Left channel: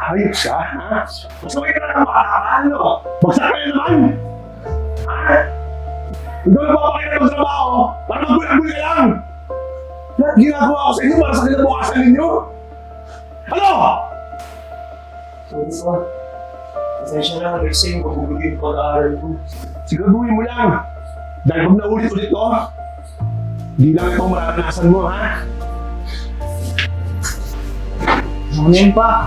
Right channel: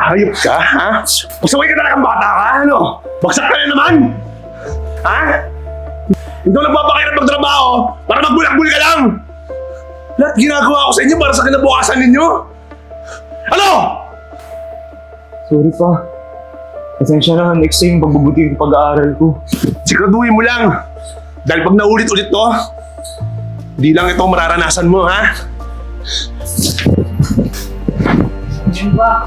Hayop ka, ha? Pasaway ka talagang bata ka, ano? Bagsak ka na naman! Ha? Hindi ko nagpapakirap magtrabaho para magbulak-bul ka lang! Lahat ginagawa ko sa inyo para sa kinabukasan ninyo! Ano? Sorry pa. Pasensya na, next time pagbubuti yung pag-aaral ko. Siguraduhin mo lang. Dahil pag naulit-ulit to, di lang ito ang mararanasan mo, ha? Yun pa?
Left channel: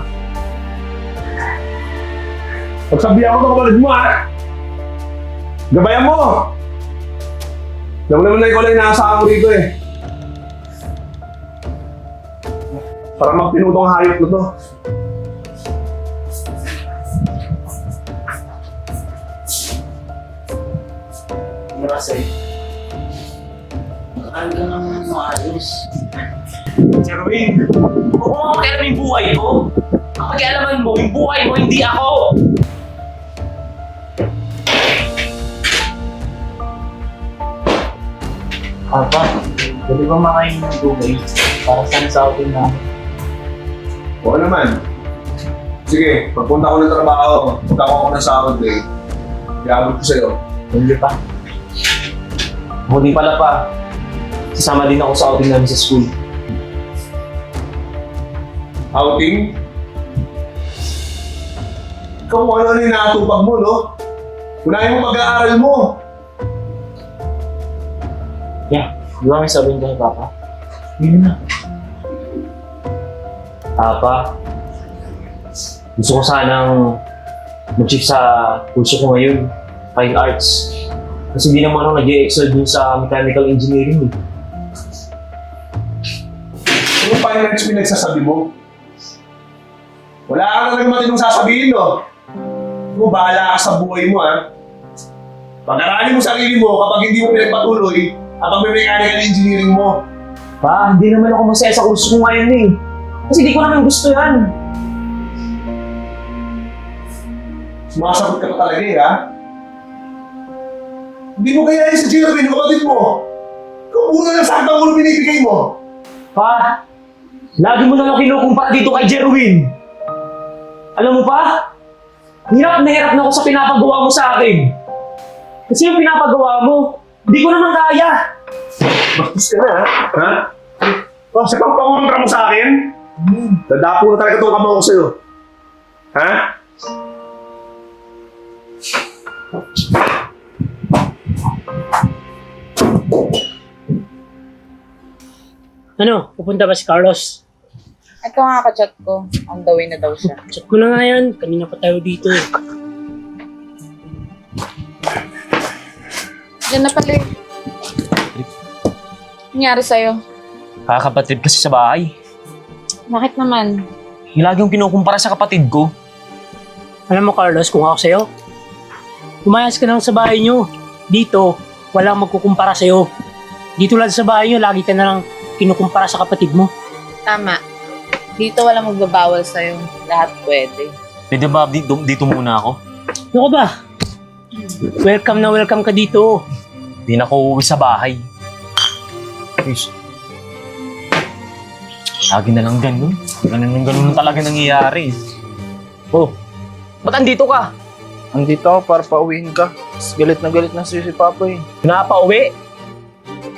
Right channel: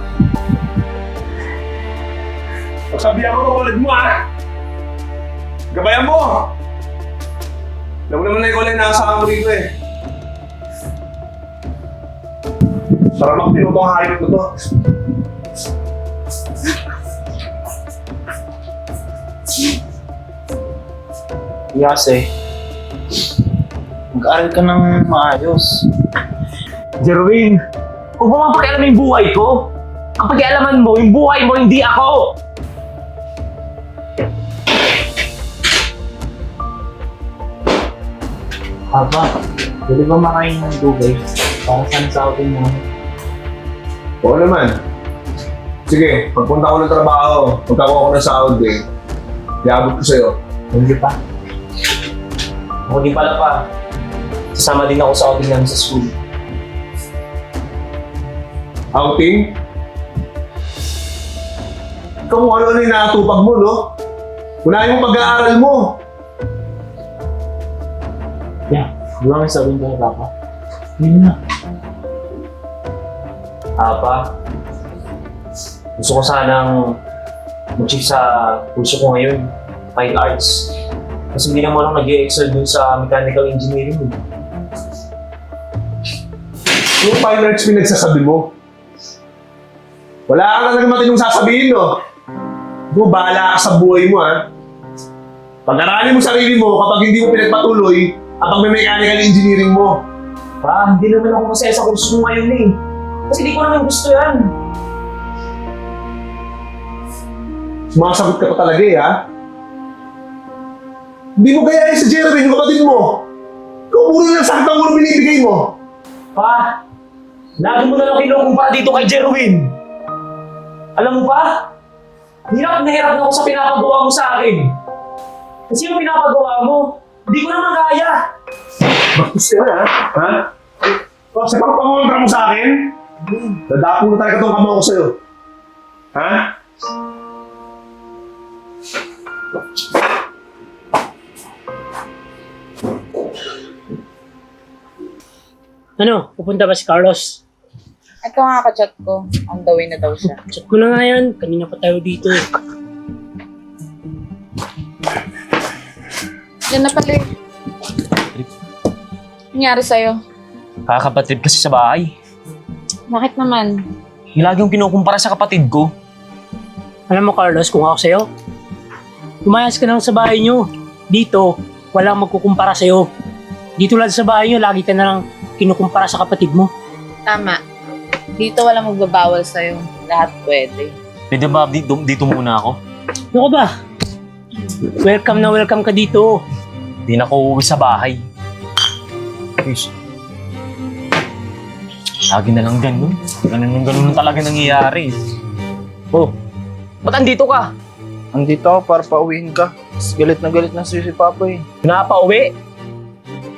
Pagsabihan mo ng kapatid mo, ha? Gabayan mo! Alam mo naman na ikaw lang inaasahan ko rito, eh. Para magpino tong hayop na to. Yase, mag-aaral ka ng maayos. Jerwin! Huwag mo nga pakialaman yung buhay ko! Ang pakialaman mo, yung buhay mo, hindi ako! Papa, pwede ba makain ng dugay para sana sa atin na Oo naman. Sige, pagpunta ko ng trabaho, pagkakuha ko ng sahod, eh. Iabot ko sa'yo. hindi pa? Din pala pa. Sasama din ako sa outing namin sa school. Outing? Ikaw kung ano na nakatupag mo, no? Wala yung pag-aaral mo. Yeah, di ba may sabihin ka kay Papa? Yun na. Papa, gusto ko sanang mag-chief sa kurso ko ngayon, fine arts. Kasi hindi naman ako nag-excel dun sa mechanical engineering. eh. Yung fine arts pinagsasabi mo. Wala ka talagang matinong sasabihin, no? Ikaw, bahala ka sa buhay mo, ha? Pag-aralin mo sarili mo kapag hindi mo pinagpatuloy ang pagme-mechanical engineering mo. Pa, hindi naman ako masaya sa kurso ko ngayon eh. Kasi di ko naman gusto yan. Sumasagot ka pa talaga, eh, ha? Hindi mo kaya si Jeremy, kapatid mo. Ikaw puro lang saktang ulo binibigay mo. Pa, lagi mo na lang kinukumpara dito kay Jerwin. Alam mo pa, hirap na hirap na ako sa pinapagawa mo sa akin. Kasi yung pinapagawa mo, hindi ko naman kaya. Gusto na, ha? Ha? Oh, sa pagpangontra mo sa akin, dadapo na talaga itong kamao ko sa'yo. Ha? Ano, pupunta ba si Carlos? Ito nga ka-chat ko. On the way na daw siya. Chat ko na nga yan. Kanina pa tayo dito eh. Diyan na pala eh. Nangyari sa'yo? Kakapatid kasi sa bahay. Bakit naman? Yung lagi yung kinukumpara sa kapatid ko. Alam mo Carlos, kung ako sa'yo, umayas ka lang sa bahay nyo. Dito, walang magkukumpara sa'yo. Dito lang sa bahay nyo, lagi ka na lang kinukumpara sa kapatid mo. Tama. Dito wala magbabawal sa'yo. Lahat pwede. Pwede ba dito, dito muna ako? Ano ka ba? Welcome na welcome ka dito. Hindi na ako uuwi sa bahay. Please. Lagi na lang ganun. Ganun ganun lang talaga nangyayari. Oh, ba't andito ka? Andito ako para pauwiin ka. Tapos Galit na galit na sa'yo si Papa eh. Pinapauwi?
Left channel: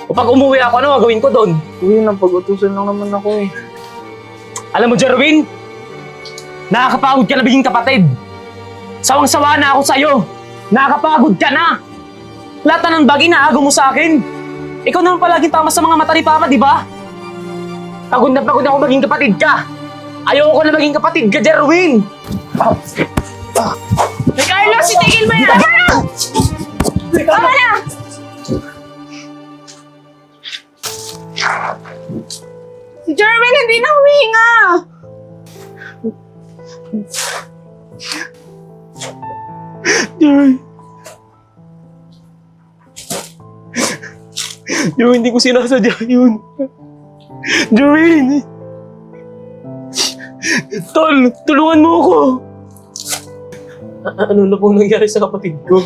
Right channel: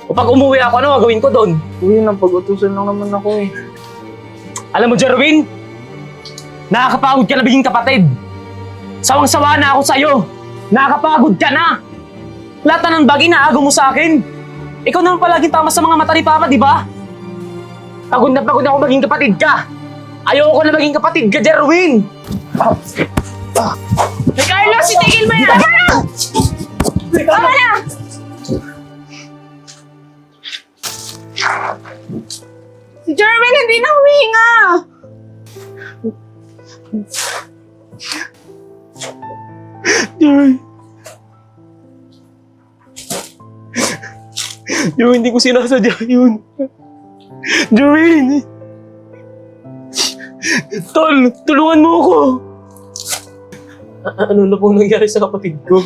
O pag umuwi ako, ano gagawin ko doon? Uy, nang pag-utusan lang naman ako eh. Alam mo, Jerwin, nakakapagod ka na biging kapatid. Sawang-sawa na ako sa'yo. Nakakapagod ka na. Lahat na ng bagay na mo sa akin. Ikaw naman palaging tama sa mga mata ni Papa, di ba? Pagod na pagod ako maging kapatid ka. Ayoko na maging kapatid ka, Jerwin. Hey, Carlos! Itigil mo yan! Tama na! Tama na! Si Jerwin hindi na humihinga! Jerwin. Jerwin, hindi ko sinasadya yun. Jerwin! Tol, tulungan mo ako! A- ano na po nangyari sa kapatid ko?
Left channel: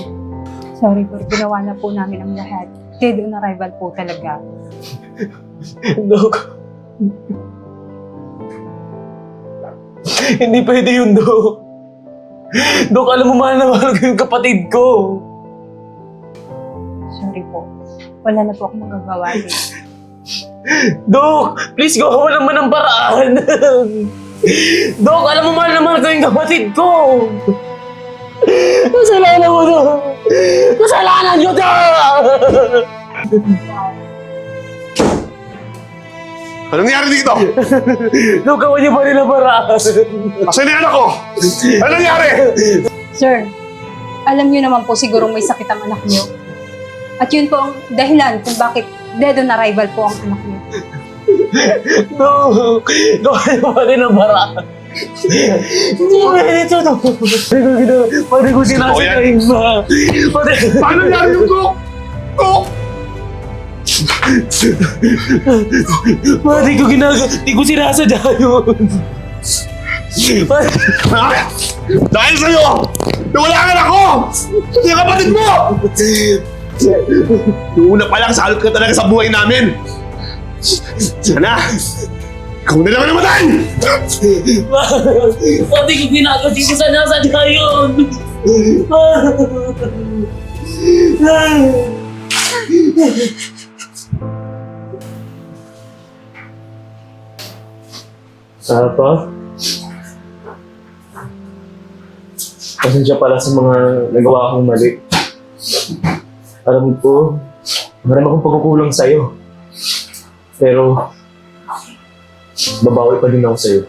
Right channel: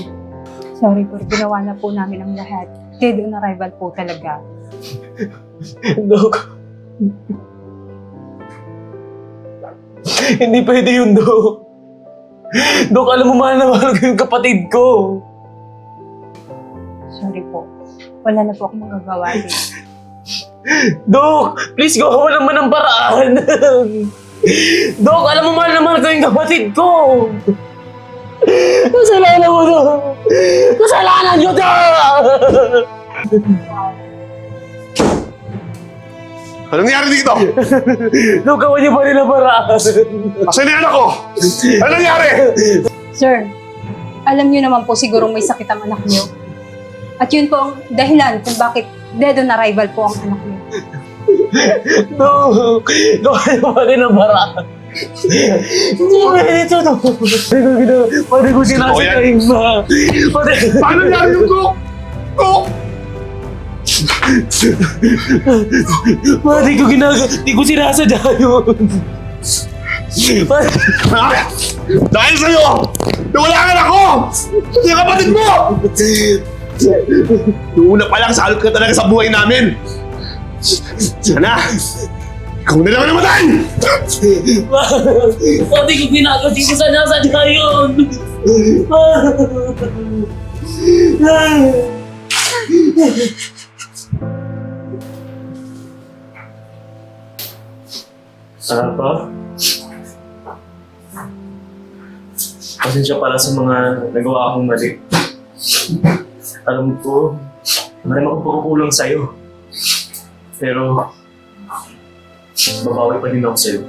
Sorry po, ginawa na po namin ang lahat. Dead on arrival po talaga. Dok. Hindi pwede yun, Dok. Dok, alam mo mahal na mahal ko yung kapatid ko. Sorry po. Wala na po akong magagawa din. Dok, please gawa naman ng paraan. Dok, alam mo mahal na mahal ko yung kapatid ko. Kasalanan mo, Dok. Kasalanan nyo, Dok! Anong nangyari dito? Dok, gawa niyo pa rin ang paraan. Asan yung anak ko? Anong nangyari? Sir, alam niyo naman po sigurong may sakit ang anak niyo. At yun po ang dahilan kung bakit dead on arrival po ang anak niyo. Dok, gawa niyo pa rin ang paraan. Hindi pwede ito, Dok. Pwede ko ginawa. Pwede ko sinasagayin ba? Paano nangyari yung cook? Cook! Pwede ko ginagawa. Hindi ko sinasadya yun. Pwede- Ha? Dahil sa'yo! Nawala ang anak ko! Yung kapatid mo! Noong una pa lang, salot ka talaga sa buhay namin! Sana! Ikaw na lang ang namatay! Pwede ko ginagawa. Hindi ko sinasadya yun. Papa? Pasensya pala sa mga nagawa akong mali. Alam ko, marami akong pagkukulang sa'yo. Pero, babawi pa din ako sa'yo.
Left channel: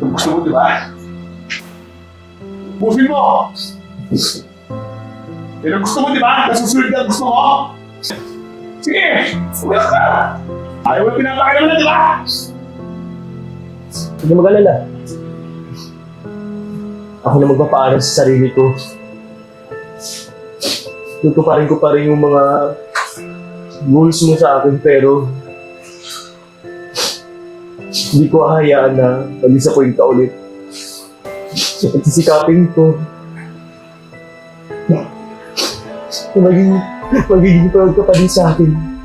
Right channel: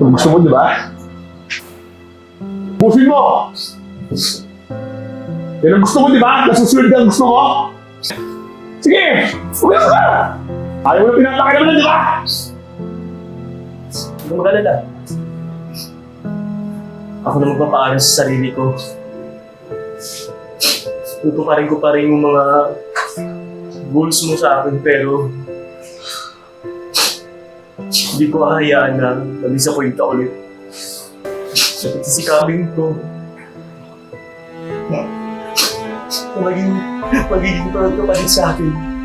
Kung gusto mo, di ba? Pusin mo! Yan ang gusto mo, di ba? Nasusunod ka ang gusto ko? Sige! Umiyak ka! Ayaw mo na pinapakita mo di ba? Huwag na mag-alala. Ako na magpapaaral sa sarili ko. Tutuparin ko pa rin yung mga goals mo sa akin pero hindi ko hahayaan na mag-disappoint ka ulit. At sisikapin ko na maging, magiging proud ka pa din sa akin.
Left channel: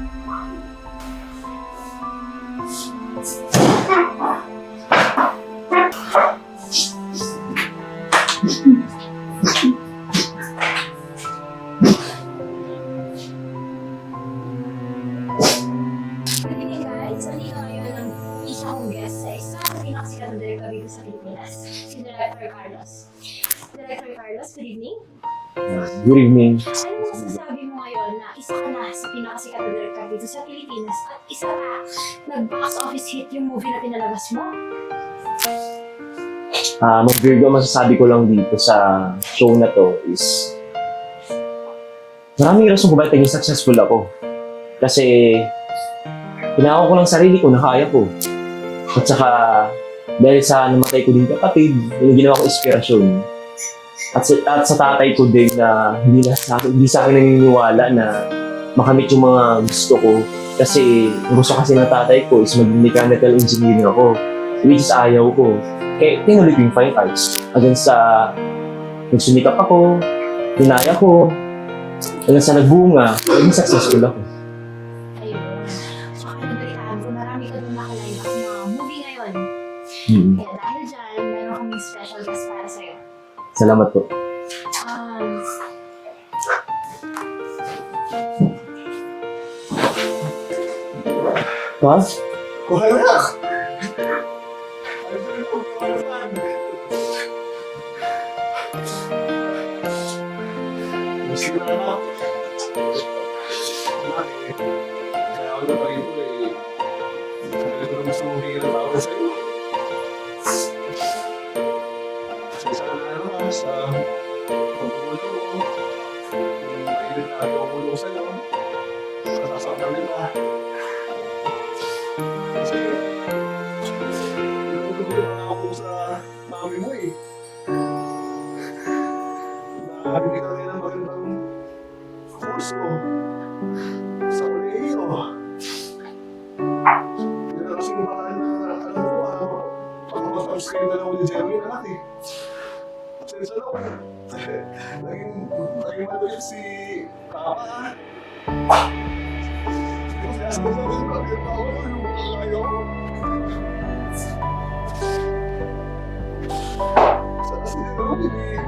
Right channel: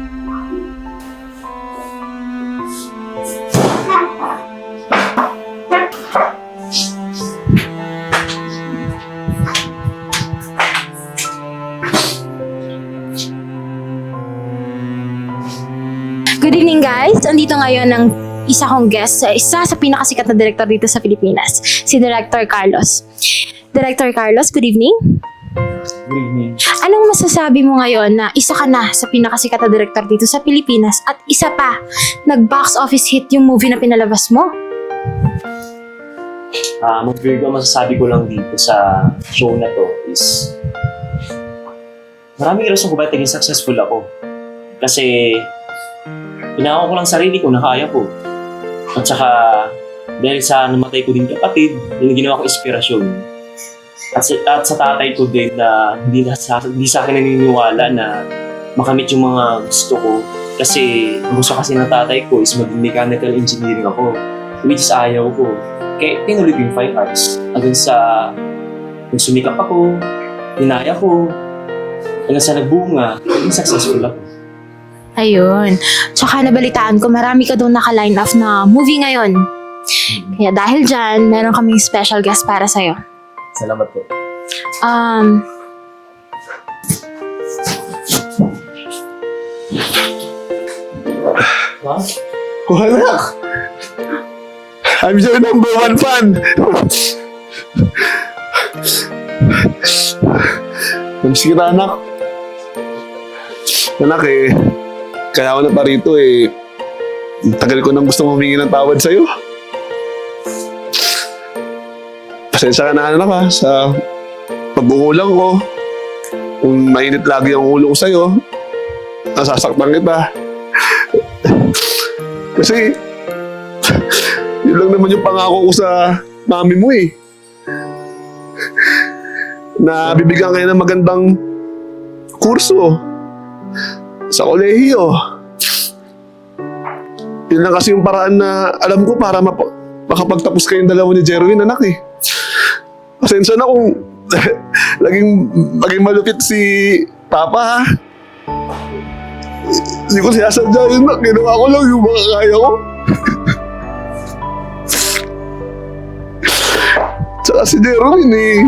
Good evening guys! Andito ngayon ang isa kong guest sa isa sa pinakasikat na director dito sa Pilipinas, si Director Carlos. Director Carlos, good evening. Good evening. Anong masasabi mo ngayon na isa ka na sa pinakasikat na director dito sa Pilipinas at isa pa, nag-box office hit yung movie na pinalabas mo? Ah, uh, Virgo, masasabi ko lang dito sa show na to is maraming rason kung bakit naging successful ako. Kasi pinako ko lang sarili ko na kaya ko. At saka dahil sa namatay ko din kapatid, yung ginawa ko inspirasyon. At sa, at sa tatay ko din na hindi, na sa, hindi sa akin naniniwala na makamit yung mga gusto ko. Kasi gusto kasi ng tatay ko is maging mechanical engineering ako. Which is ayaw ko. Kaya ko yung fine arts. Hanggang sa nung sumikap ako, dinaya ko, hanggang sa nagbunga, naging successful ako. Ayun. Tsaka nabalitaan ko, marami ka doon naka-line up na movie ngayon. Kaya dahil dyan, meron kaming special guest para sa'yo. Salamat po. Um, Ha? Anak! I'm your number one fan! Namiss kita, anak. Anak eh, kaya ako na pa rito eh, tagal ko nang gusto humingi ng tawad sa'yo. Pasensya ka na anak ha, sa pagkukulang ko. Kung mainit lagi ang ulo ko sa'yo, nasasaktan kita. Kasi, yun lang naman yung pangako ko sa mami mo eh. Na bibigyan kayo ng magandang kurso sa kolehiyo. Yun lang kasi yung paraan na alam ko para map- makapagtapos kayong dalawa ni Jerwin, anak eh. Pasensya na kung laging, laging malupit si Papa ha. Hindi ko sinasadya yun na. Ginawa ko lang yung mga kaya ko. Tsaka si Jerwin eh.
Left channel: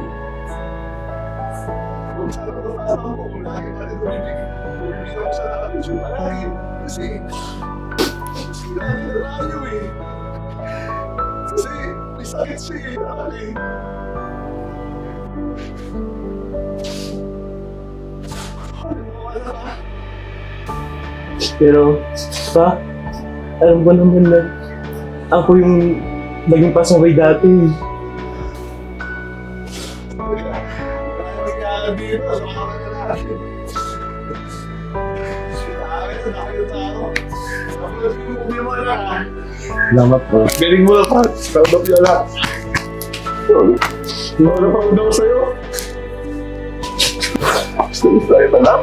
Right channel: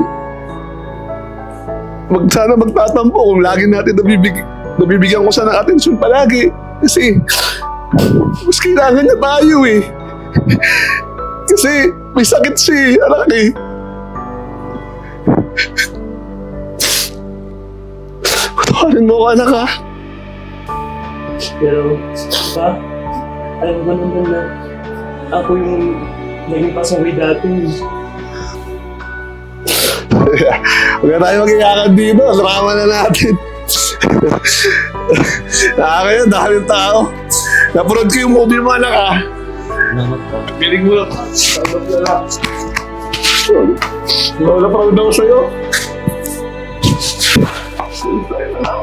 Mag, sana magtatampo kung lagi natin nabibigay nabibigyan ko siya ng atensyon palagi. Kasi, mas kailangan niya tayo eh. Kasi, may sakit si anak eh. Patawarin mo ko anak ha. Pero, pa, alam ko naman na ako yung naging pasaway dati. Huwag na tayo mag-iyakan dito. Drama na natin. Nakakaya, daming tao. Naprood ko yung movie mo, anak ha. Salamat po. Galing mo Pats. Proud of you, anak. Lola, proud ako sa'yo. Sorry, anak.